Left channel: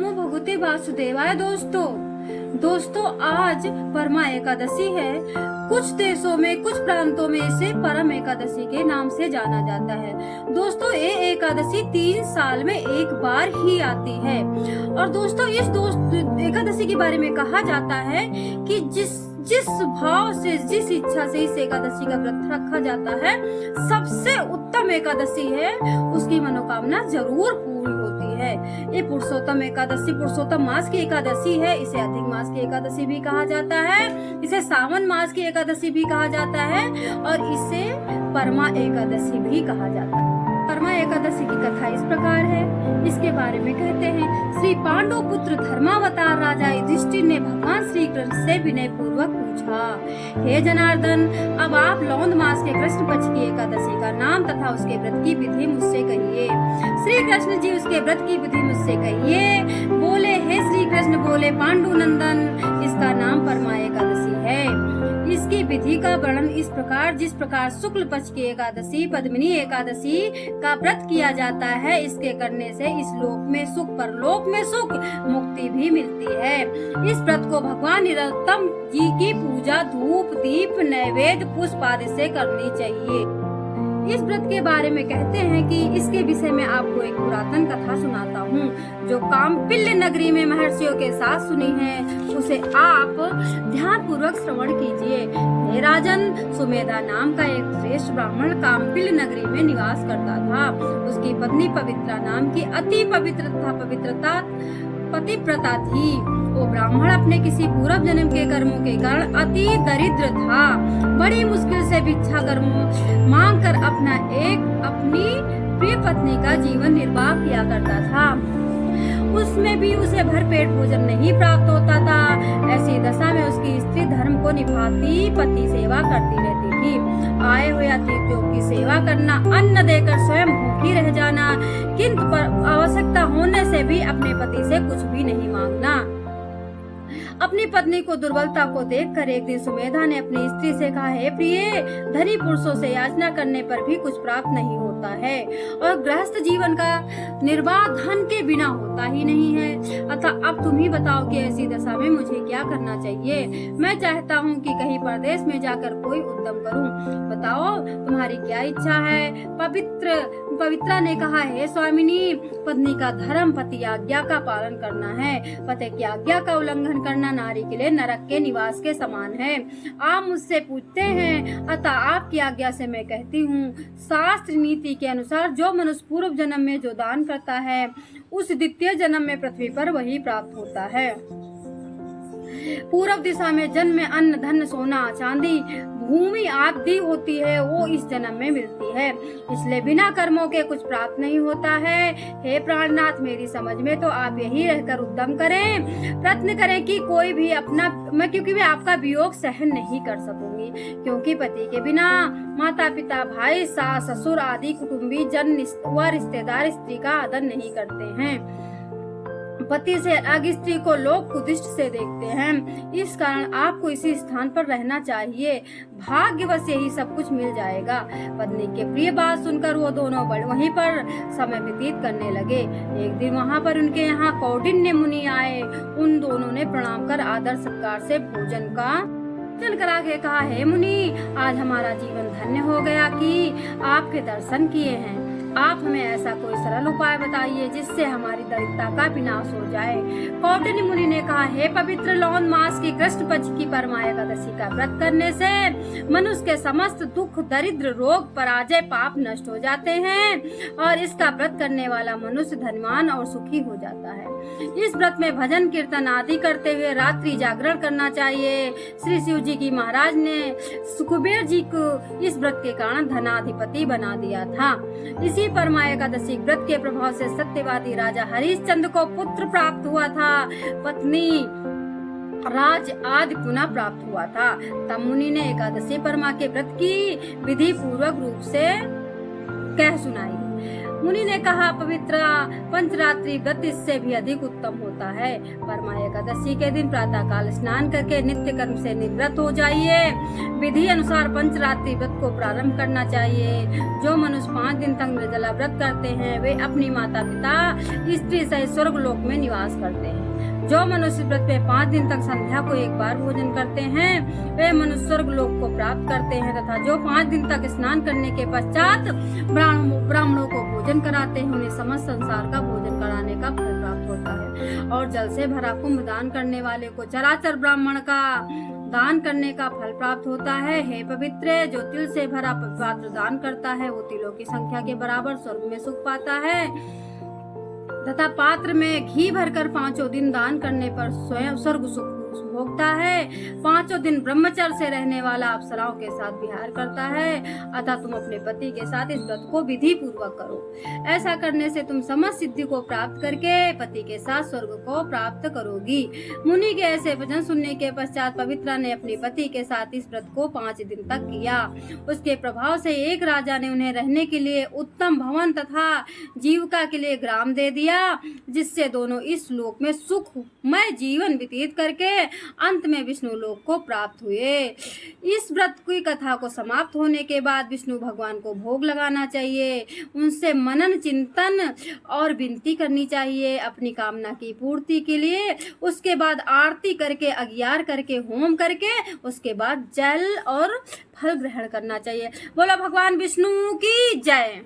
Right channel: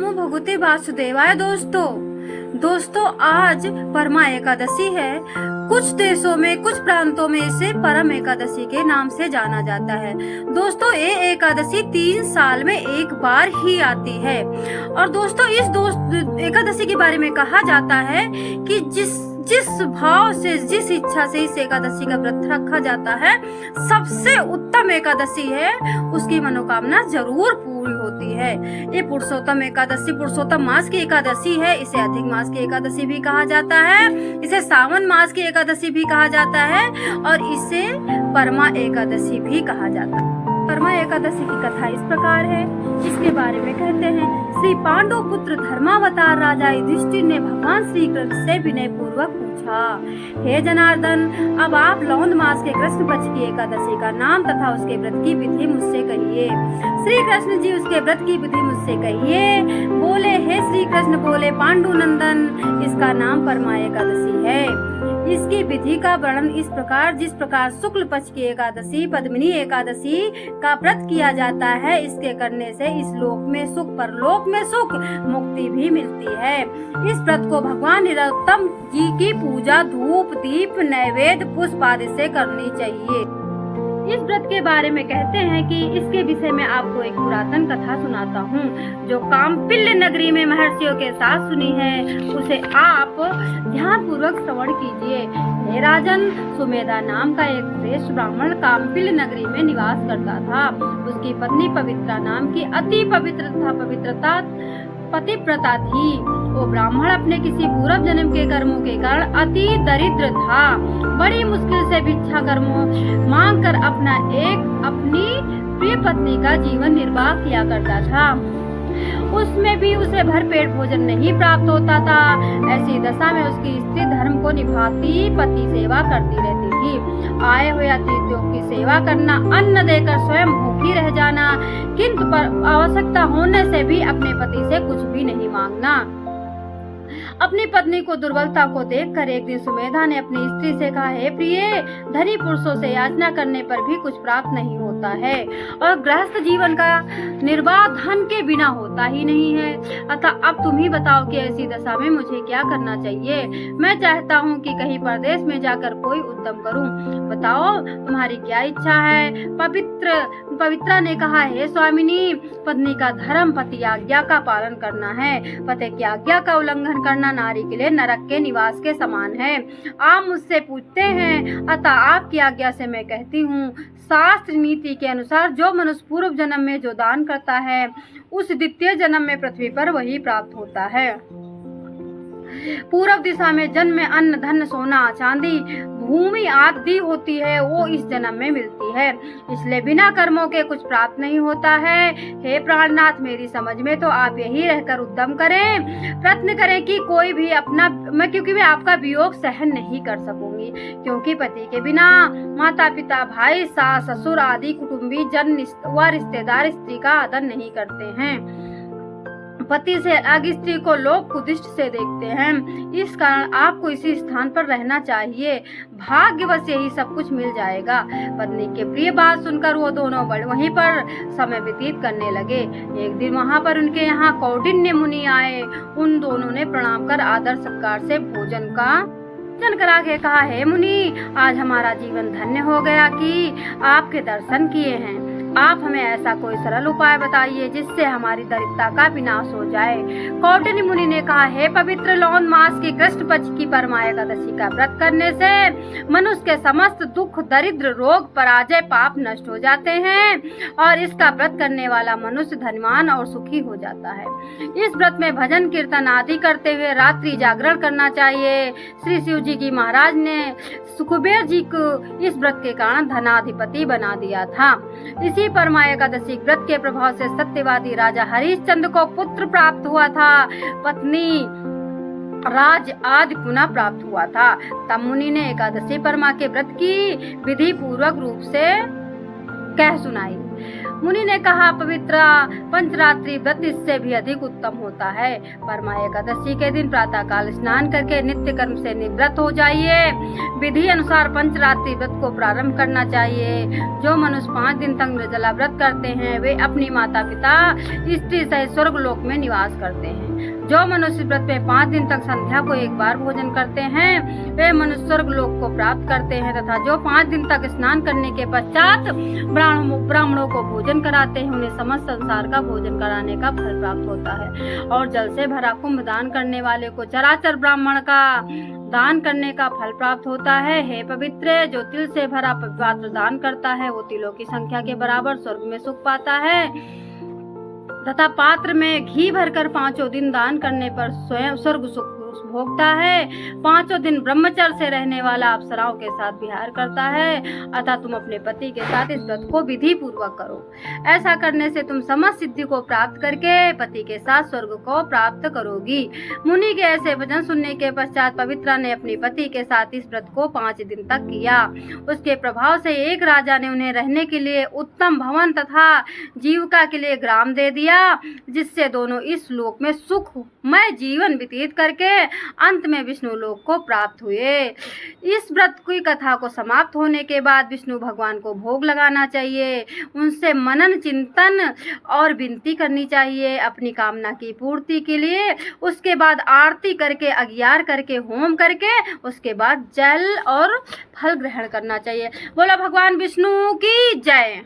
नमो भगवते वासुदेवाय। दोस्तों आज परमा एकादशी है। कुछ देशों में, कुछ प्रांतों में इसे परम एकादशी के नाम से जाना जाता है। दोस्तों ये एकादशी 3 साल में एक बार ही आती है। और दोस्तों इस एकादशी के बारे में कहा जाता है कि जिस भाव से, जिस इच्छा से इस एकादशी का व्रत रखा जाता है, सबसे उत्तम एकादशी है, उसकी मनोकामना जरूर पूरी होती है। ये पुरुषोत्तम एकादशी, पुरुषोत्तम मास की एकादशी है। इसे अधिक मास की एकादशी भी कहा जाता है, इसे सावन मास की एकादशी भी कहा जाता है और इसे परमा एकादशी भी कहा जाता है। परमा एकादशी की कथा इस प्रकार है, इसके बारे में कहते हैं, श्री पांडु पुत्र धर्मावतार राजा युधिष्ठिर ने भगवान श्री कृष्ण से विनय पूर्वक पूछा, हे जनार्दन, अब आप लौंद मास के कृष्ण पक्ष की एकादशी का नाम तथा उसके व्रत की विधि मुझसे कहिए। श्री कृष्ण जी उसके व्रत की विधि मुझसे कहिए। बोले, हे श्री कृष्ण बोले, पांडु नंदन, इसका नाम परमा एकादशी है। इसकी विधि का वर्णन इस प्रकार, जिस प्रकार शुक्ल पक्ष की एकादशी पद्मिनी एकादशी का व्रत किया जाता है, इसके करने से इस लोक में सुख, परलोक में सुख, मुक्ति भी मिलती है। इस व्रत को भगवान नरोत्तम जी की पूजा धूप दीप नैवेद्य पुष्प आदि से करनी चाहिए। इस व्रत के बारे में कहते हैं कि इसके विषय में आपको एक पुरातन कथा सुनाता हूँ, जो काम्पिल्य नगरी में महर्षियों के साथ सुनी है, उसे आप ध्यान पूर्वक श्रवण कीजिए। हे राजन, सुमेधा नाम का एक श्रेष्ठ ब्राह्मण काम्पिल्य नगरी में निवास करता था। उसकी पत्नी पवित्रा नाम की अति पतिव्रता थी। वो ब्राह्मण अपने किसी पूर्व जन्म के कर्मों के कारण अति दरिद्र था। बड़ी मुश्किल से भिक्षा कर्मों मांग कर अपनी प्रिय पत्नी का जीवन निर्वाह किया करता था। उसमें भी उसे भरपेट भोजन नहीं प्राप्त होता था। ऐसी दशा में उसकी स्त्री धर्म को निभाती पति सेवा करती रहती थी। आए हुए अतिथियों की सेवा करना, अन्न देकर स्वयं भूखी रह जाना, किंतु आवश्यकता होने से भी अपने पति से कुछ भी नहीं मांगना। अपनी पत्नी को दुर्बलता को देखकर एक दिन सुमेधा ने अपनी स्त्री से कहा, हे प्रिय, धनी पुरुषों से याचना करने पर भी कुछ प्राप्त नहीं होता है और गृहस्थ जीवन का निर्वाह धन के बिना होता ही नहीं है। अतः अब तुम ही बताओ कि ऐसी दशा में मुझे क्या करना चाहिए। मैं चाहता हूँ कि कहीं परदेश में जाकर कोई उद्यम करूँ। बताओ तुम्हारी क्या इच्छा है। पवित्रा ने कहा, हे स्वामिनी, पत्नी का धर्म पति आज्ञा का पालन करना है। पति की आज्ञा का उल्लंघन करना नारी के लिए नरक के निवास के समान है। आप मुझसे पूछते हैं, अतः आपकी आज्ञा से मैं कहती हूँ, शास्त्र नीति के अनुसार जो मनुष्य पूर्व जन्म में जो दान करता है, उस द्वितीय जन्म में पृथ्वी पर वही प्राप्त होता है। पूर्व दिशा में जन्म में अन्न धन सोना चांदी भूमि आदि होती है, वो इस जन्म में मिलती है। इसलिए बिना कर्मों के कुछ प्राप्त नहीं होता है। हे प्राणनाथ, मेरी समझ में तो आप यही रहकर उद्यम करें, प्रयत्न करें कि कोई भी क्योंकि मैं आपका वियोग सहन नहीं कर सकूंगी, क्योंकि पति के बिना माता पिता भाई सास ससुर आदि कुटुंबी जन व रिश्तेदार स्त्री का आदर नहीं करते हैं। पति से अलग स्त्री को लोग कुदिष्ट से देखते हैं। इस कारण आपको इसी स्थान पर रहना चाहिए। भाग्यवश यही सब कुछ मिल जाएगा। पत्नी के प्रिय बात सुनकर वो दोनों वहीं पर समय व्यतीत करने लगे। एक दिन वहाँ पर उनके यहाँ कौंडिन्य मुनि आए। उन दोनों ने प्रणाम कर आदर सत्कार से भोजन करा के कहा, हे मुनि, आज हमारा जीवन धन्य हो गया कि आपके दर्शन किए हैं। आप हमें ऐसा कोई सरल उपाय बताइए जिससे हमारी दरिद्रता का विनाश हो जाए। कौंडिन्य मुनि ने कहा, हे पवित्र लौंद मास की कृष्ण पक्ष की परमा एकादशी का व्रत करने से मनुष्य के समस्त दुख दरिद्र रोग पराजय पाप नष्ट हो जाते हैं और इसका व्रत करने वाला मनुष्य धनवान और सुखी हो जाता है। इस व्रत में भजन कीर्तन आदि करते हुए रात्रि जागरण करना चाहिए। श्री शिव जी की महाराज ने सुखबीर जी को इस व्रत के कारण धनाधिपति बना दिया था। इसी परमा एकादशी व्रत के प्रभाव से सत्यवादी राजा हरिश्चंद्र को पुत्र प्राप्त हुआ था, पत्नी राज आदि पुनः प्राप्त हुआ था। तब मुनि ने एकादशी परमा के व्रत की विधि पूर्वक रूप से कह सुनाई। मुनि ने कहा, पवित्र पंचरात्रि व्रत इससे भी अधिक उत्तम होता है। परमा एकादशी के दिन प्रातः काल स्नान करके नित्य कर्म से निवृत्त हो जाइए। विधि अनुसार पंचरात्रि व्रत को प्रारंभ करना चाहिए। जो मनुष्य 5 दिन तक निर्जला व्रत करते हैं वे अपनी माता पिता स्त्री सहित स्वर्ग लोक में निवास करते हैं। जो मनुष्य व्रत में 5 दिन तक संध्या को एक बार भोजन करते हैं वे मनुष्य स्वर्ग लोक को प्राप्त करते हैं, तथा जो 5 दिन तक स्नान करने के पश्चात ब्राह्मणों को भोजन कराते हैं उन्हें समस्त संसार का भोजन कराने का फल प्राप्त होता है। और जल से भरा कुंभ दान करने वाले को चराचर ब्राह्मण का दान करने का फल प्राप्त होता है। हे पवित्र, जो तिल से भरा पात्र दान करता है वो तिलों की संख्या के बराबर स्वर्ग में सुख पाता है, तथा पात्र में घी भरकर 5 दिन दान करने पर स्वयं स्वर्ग सुख भोगता है। 5 दिन ब्रह्मचर्य से रहने वाला अप्सराओं के साथ विहार करता है। अतः तुम अपने पति के साथ इस व्रत को विधि पूर्वक करो। ऐसा करने से तुम समस्त सिद्धि को प्राप्त करके पति के साथ स्वर्ग को प्राप्त करोगी। मुनि के ऐसे वचन सुनने के पश्चात पवित्रा ने अपने पति के साथ इस व्रत को 5 दिन तक किया। उसके प्रभाव से एक राजा ने उन्हें रहने के लिए उत्तम भवन तथा जीविका के लिए ग्राम दे दिया, जिससे दोनों इस लोक में सुखमय जीवन व्यतीत करके अंत में विष्णु लोक को प्राप्त हुए। इस व्रत की कथा को समाप्त होने के बाद विष्णु भगवान को भोग लगाना चाहिए, उनसे मनन चिंतन और विनती करनी चाहिए अपनी कामना की पूर्ति के लिए। उसके बाद आरती करके, अग्यार करके, होम करके उसके बाद जल और फल ग्रहण करना चाहिए। बोला भगवान विष्णु की जय।